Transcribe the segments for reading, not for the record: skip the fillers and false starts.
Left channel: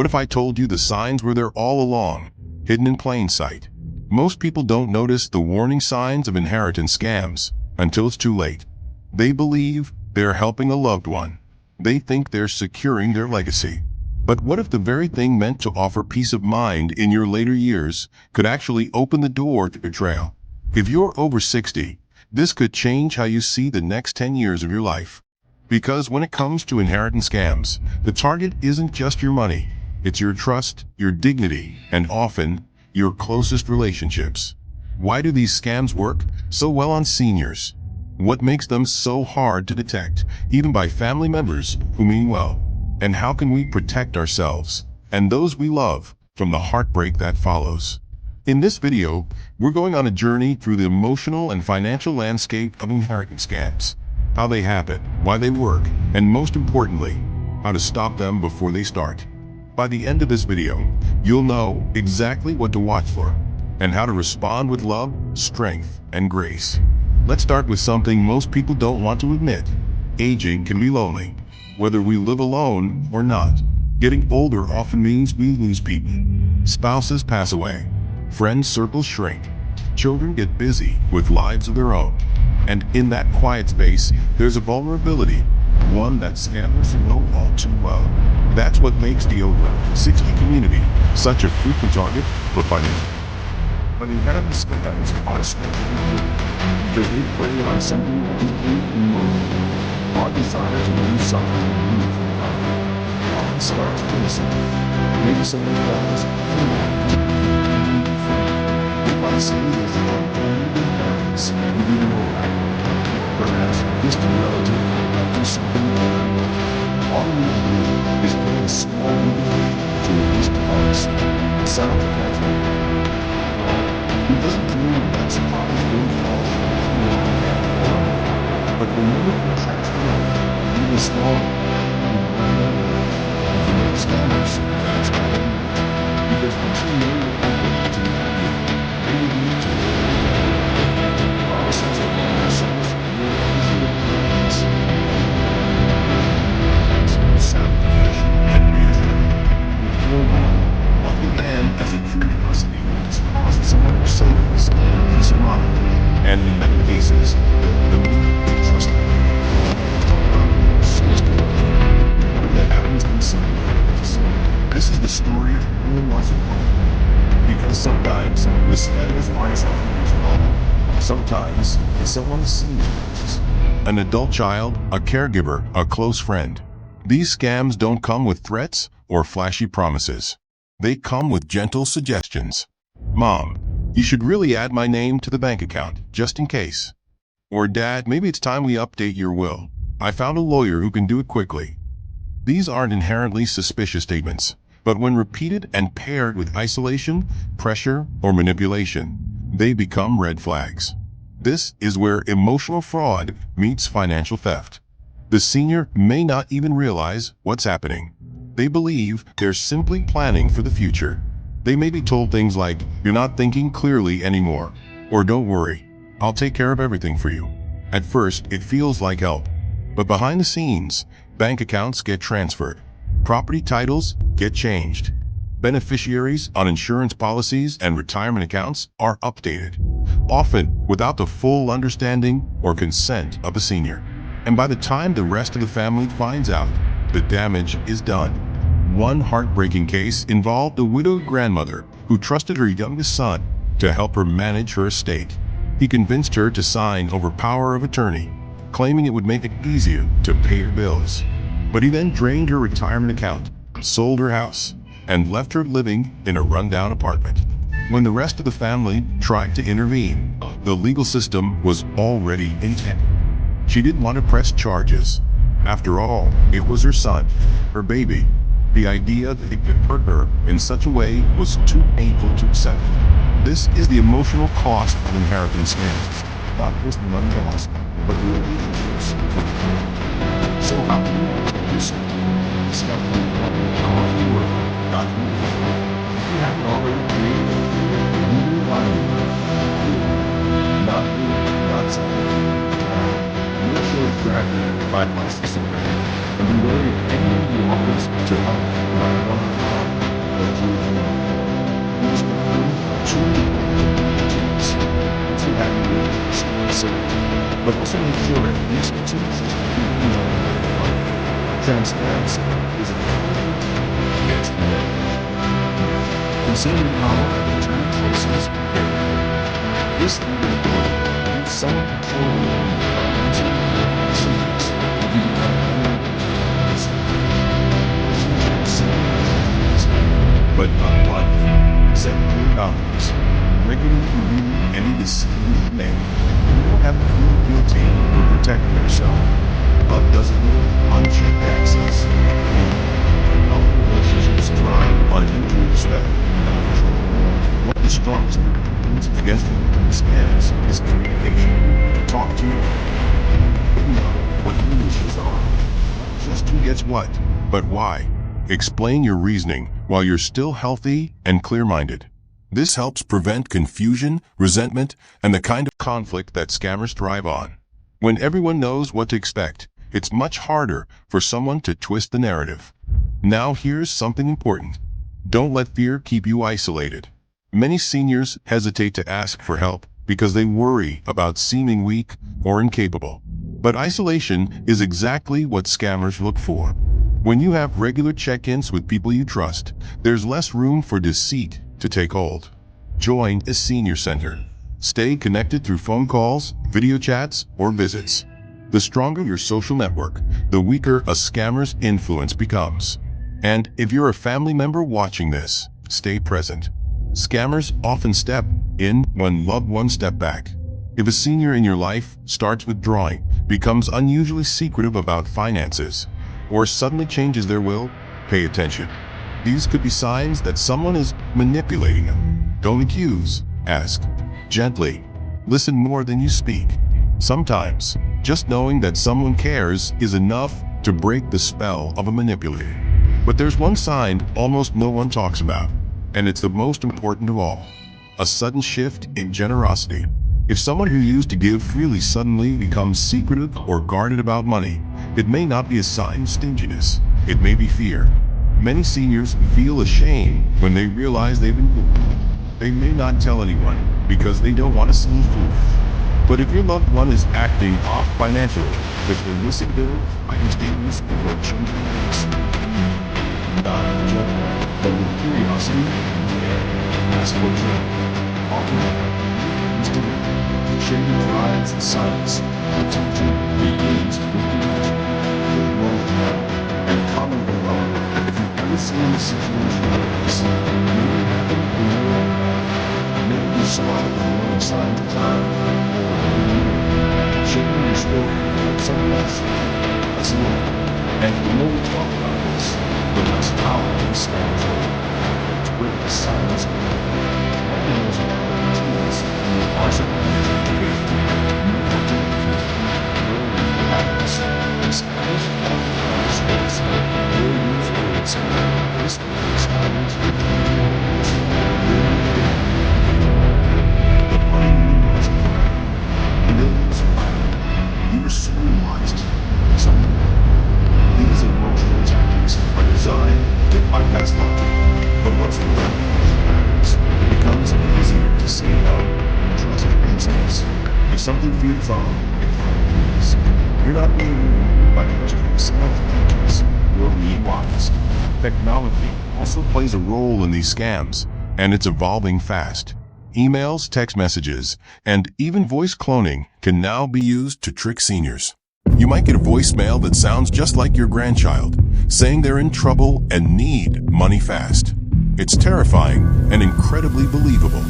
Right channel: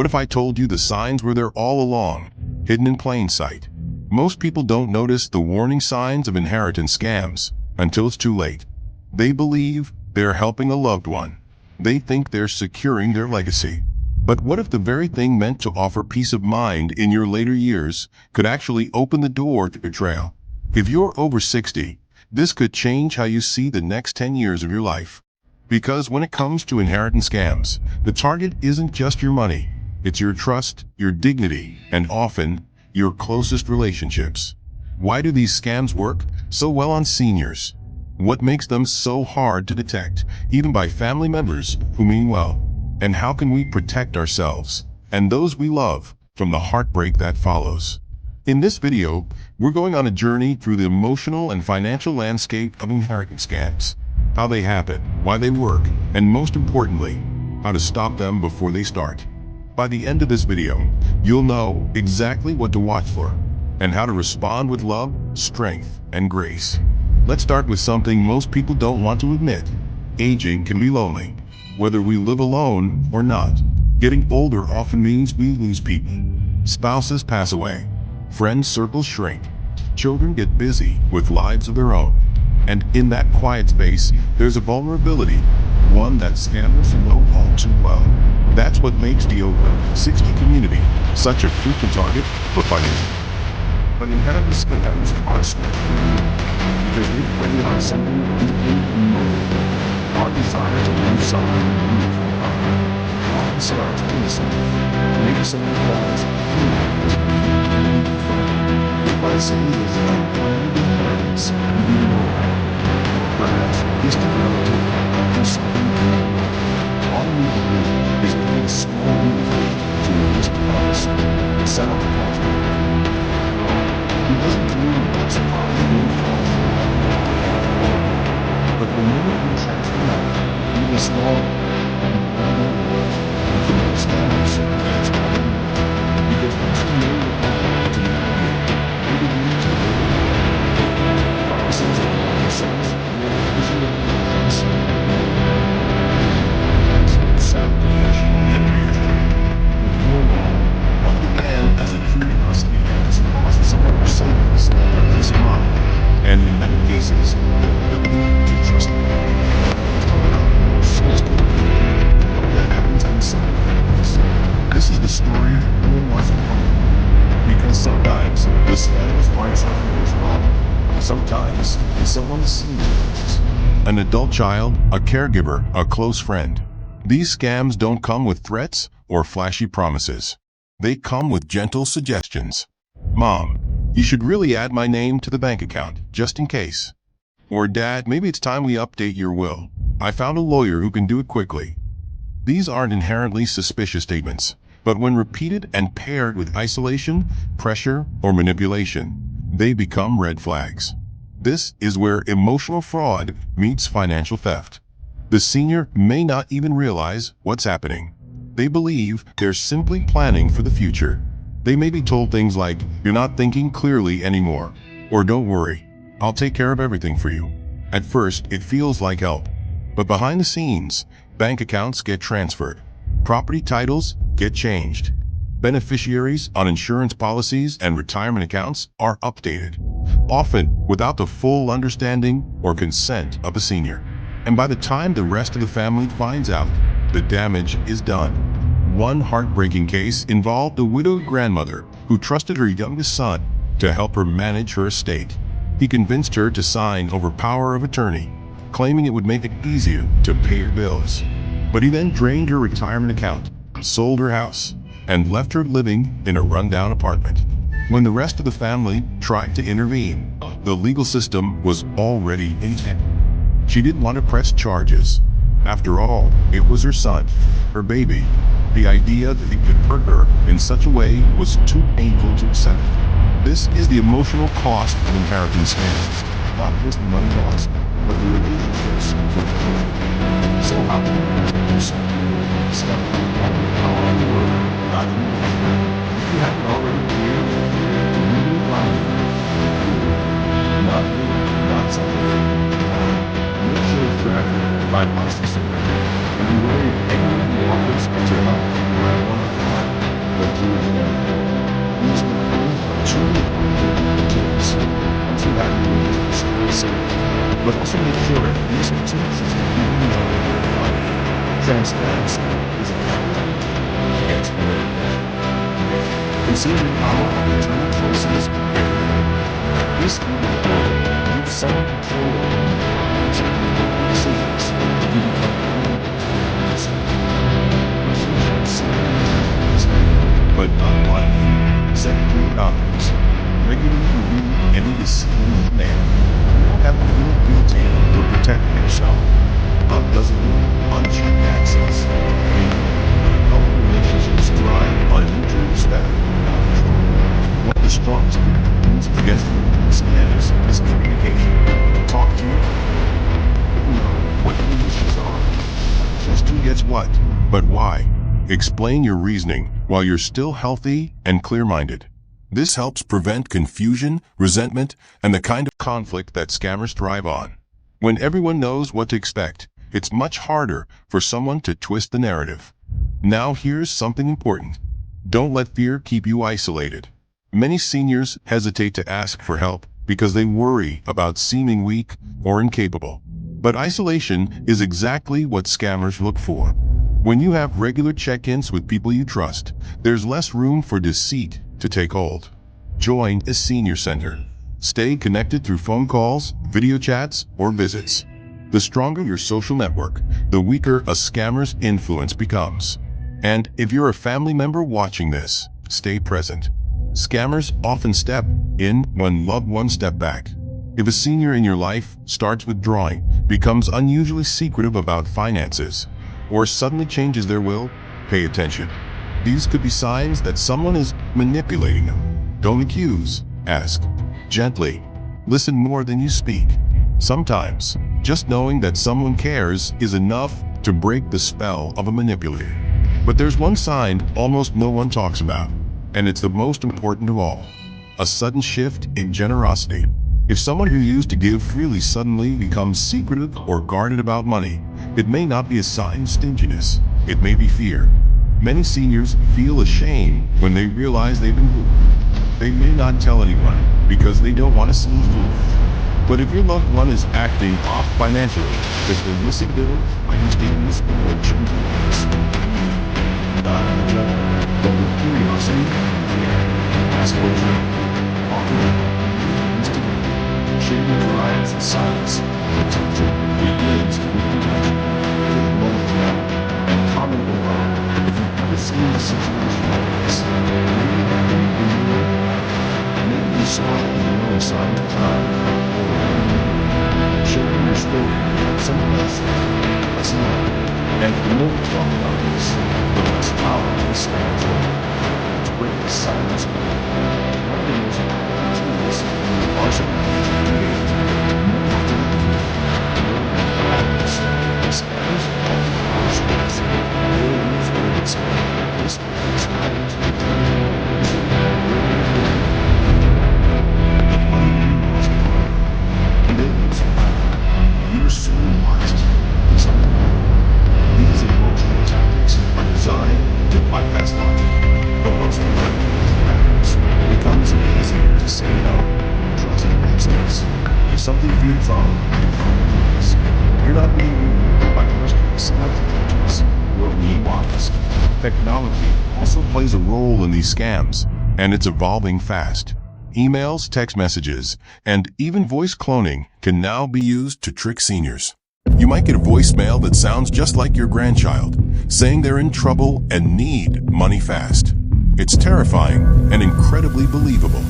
What if I told you the signs were there all along, hidden in plain sight? Most people don't notice the warning signs of inheritance scams until it's too late. They believe they're helping a loved one. They think they're securing their legacy. But what if the very thing meant to offer peace of mind in your later years could actually open the door to betrayal? If you're over 60, this could change how you see the next 10 years of your life. Because when it comes to inheritance scams, the target isn't just your money. It's your trust, your dignity, and often, your closest relationships. Why do these scams work so well on seniors? What makes them so hard to detect, even by family members who mean well? And how can we protect ourselves and those we love from the heartbreak that follows? In this video, we're going on a journey through the emotional and financial landscape of inheritance scams, how they happen, why they work, and most importantly, how to stop them before they start. By the end of this video, you'll know exactly what to watch for and how to respond with love, strength, and grace. Let's start with something most people don't want to admit. Aging can be lonely, whether we live alone or not. Getting older often means we lose people. Spouses pass away, friends circles shrink, children get busy with lives of their own. And in that quiet space, there's a vulnerability, one that scammers know all too well. That's what makes the over 60 community such a frequent target for financial. But inheritance scams are scary because they prey on something deeply emotional. Our desire to do something beautiful often starts innocent. Maybe someone dies, they might say there's an unclaimed inheritance you didn't know about. Or perhaps a distant relative do something terrible. All we can do is pay a small fee to release the funds and settle the contract. It doesn't mean that's a windfall. But the moment we transfer money, even small, for most scammers, that's not it. Because once you know you're open to the idea, they begin to live the promises of themselves, you're easily influenced. Sound and reassuring. Before long, what began as a curiosity cost someone their savings, their peace of mind, and in many cases, the ability to trust them. Let's talk about the more sinister what that happens inside of us. This is the story no one wants to talk. Because sometimes the scammers aren't something who's wrong. Sometimes it's someone's senior. An adult child, a caregiver, a close friend. These scams don't come with threats or flashy promises. They come with gentle suggestions. Mom, you should really add my name to the bank account, just in case. Or Dad, maybe it's time we update your will. I found a lawyer who can do it quickly. These aren't inherently suspicious statements, but when repeated and paired with isolation, pressure, or manipulation, they become red flags. This is where emotional fraud meets financial theft. The senior may not even realize what's happening. They believe they're simply planning for the future. They may be told things like, "You're not thinking clearly anymore," or "Don't worry, I'll take care of everything for you." At first, it feels like help. But behind the scenes, bank accounts get transferred. Property titles get changed. Beneficiaries on insurance policies and retirement accounts are updated, often without the full understanding or consent of the senior. And by the time the rest of the family finds out, the damage is done. One heartbreaking case involved a widowed grandmother who trusted her youngest son to help her manage her estate. He convinced her to sign over power of attorney, claiming it would make it easier to pay her bills. But he then drained her retirement account, sold her house, and left her living in a rundown apartment. When the rest of the family tried to intervene, the legal system was already intent. She didn't want to press charges. After all, it was her son, her baby. The idea that he could hurt her in such a way was too painful to accept. This is the emotional cost of inheritance scams. Not just the money lost, but the relationships involved. So how can you protect yourself? Discover the powerful word, documentation. If you haven't already created a clear, legally binding, not you, not something. Make sure it's drafted by licensed and be wary of any of the offers to help you run one-on-one. but you use the proof of true details. Once you have your story simple, but also make sure that these excuses people know where to find it. Transparency is a powerful key against manipulation. Consider the power of internal process very. This can be important. Give someone control over your decisions. You become but not blindly. Set clear boundaries. Regularly review any decision you make. You don't have to feel guilty for protecting yourself. Love doesn't mean unchecked access. Healthy relationships thrive on mutual respect, not control. One of the strongest predictions against scams is communication. Talk to you. Know what your wishes are. Not just who gets what, but why. Explain your reasoning while you're still healthy and clear-minded. This helps prevent confusion, resentment, and the kind of conflict that scammers thrive on. When everyone knows what to expect, it's much harder for someone to twist the narrative. Now here's something important. Don't let fear keep you isolated. Many seniors hesitate to ask for help because they worry about seeming weak or incapable. But isolation is exactly what scammers look for. When you have regular check-ins with people you trust, there's less room for deceit to take hold. Join a senior center. Stay connected through phone calls, video chats, or visits. The stronger your social network, the weaker a scammer's influence becomes. And if you're a family member watching this, stay present. Scammers often step in when loved ones step back. If a senior in your life starts withdrawing, becomes unusually secretive about finances, or suddenly changes their will, pay attention. These could be signs that someone is manipulating them. Don't accuse, ask. Gently. Listen more than you speak. Sometimes, just knowing that someone cares is enough to break the spell of a manipulator. But there's one sign almost no one talks about, and it's the most important of all. A sudden shift in generosity. If someone who used to give freely suddenly becomes secretive or guarded about money, it may not be a sign of stinginess. It may be fear. Many seniors feel ashamed when they realize they've been fooled. They may not tell anyone because they don't want to seem foolish. But if your loved one is acting off financially, if they're missing bills, bank statements, or changes, not judgment, but with curiosity and care, ask what you need. Offer instigate. Shady drives in silence. Potential begins with intention. Click below now and comment below if you've ever seen a situation like this. Maybe it happened in your life. Maybe you saw the warning signs of time, or sharing your story to help someone else. Let's know. And the more we talk about this, the less power the scams will. To break the silence, one of the most powerful tools in the arsenal of communication is to know what to do. What happens? The scammers often have stress. They'll use urgency. This is patterns of the money you lost forever. And they'll use fire. You're so wise to someone else. These emotional tactics are designed to bypass logic. But once the revenue happens, it becomes easier to say no. Trust instincts. If something feels off, it probably is. You're not being ruled by trusting selective entries. You're being wise. Technology also plays a role in these scams, and it's evolving fast. Emails, text messages, and even voice cloning can now be used to trick seniors. You might get a voicemail that sounds just like your grandchild, saying they're in trouble and need money fast. It's terrifying and incredibly believable.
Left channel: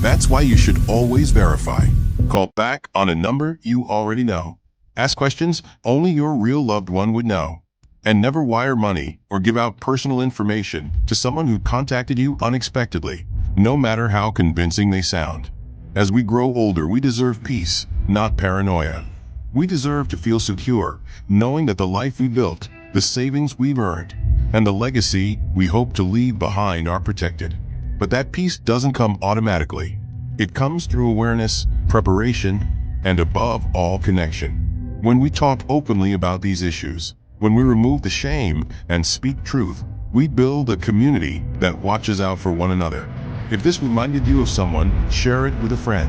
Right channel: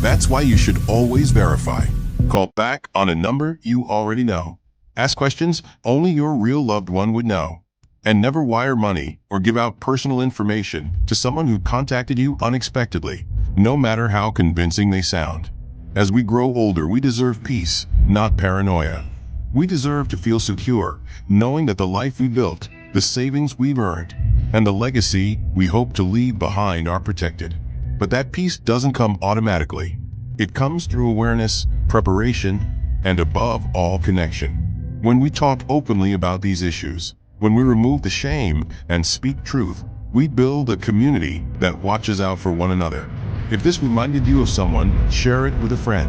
That's why you should always verify. Call back on a number you already know. Ask questions only your real loved one would know. And never wire money or give out personal information to someone who contacted you unexpectedly, no matter how convincing they sound. As we grow older, we deserve peace, not paranoia. We deserve to feel secure, knowing that the life we built, the savings we've earned, and the legacy we hope to leave behind are protected. But that peace doesn't come automatically. It comes through awareness, preparation, and above all, connection. When we talk openly about these issues, when we remove the shame and speak truth, We build a community that watches out for one another. If this reminded you of someone, share it with a friend.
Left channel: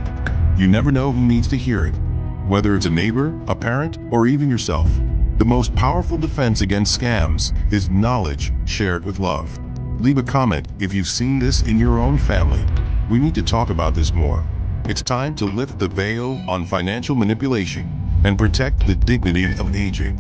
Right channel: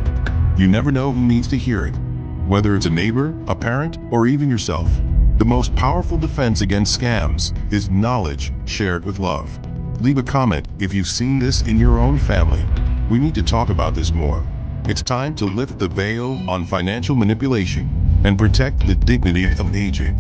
You never know who needs to hear it. Whether it's a neighbor, a parent, or even yourself. The most powerful defense against scams is knowledge shared with love. Leave a comment if you've seen this in your own family. We need to talk about this more. It's time to lift the veil on financial manipulation and protect the dignity of aging.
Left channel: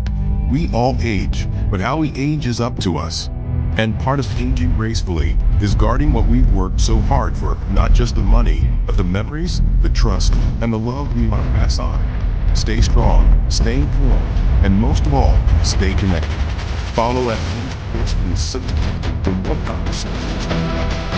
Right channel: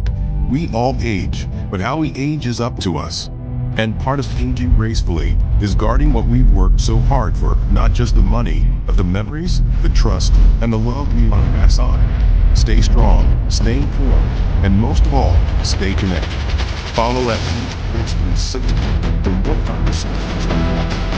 We all age, but how we age is up to us. And part of aging gracefully is guarding what we've worked so hard for, not just the money, but the memories, the trust, and the love we want to pass on. Stay strong, stay informed, and most of all, stay connected. Follow at and for more conversations.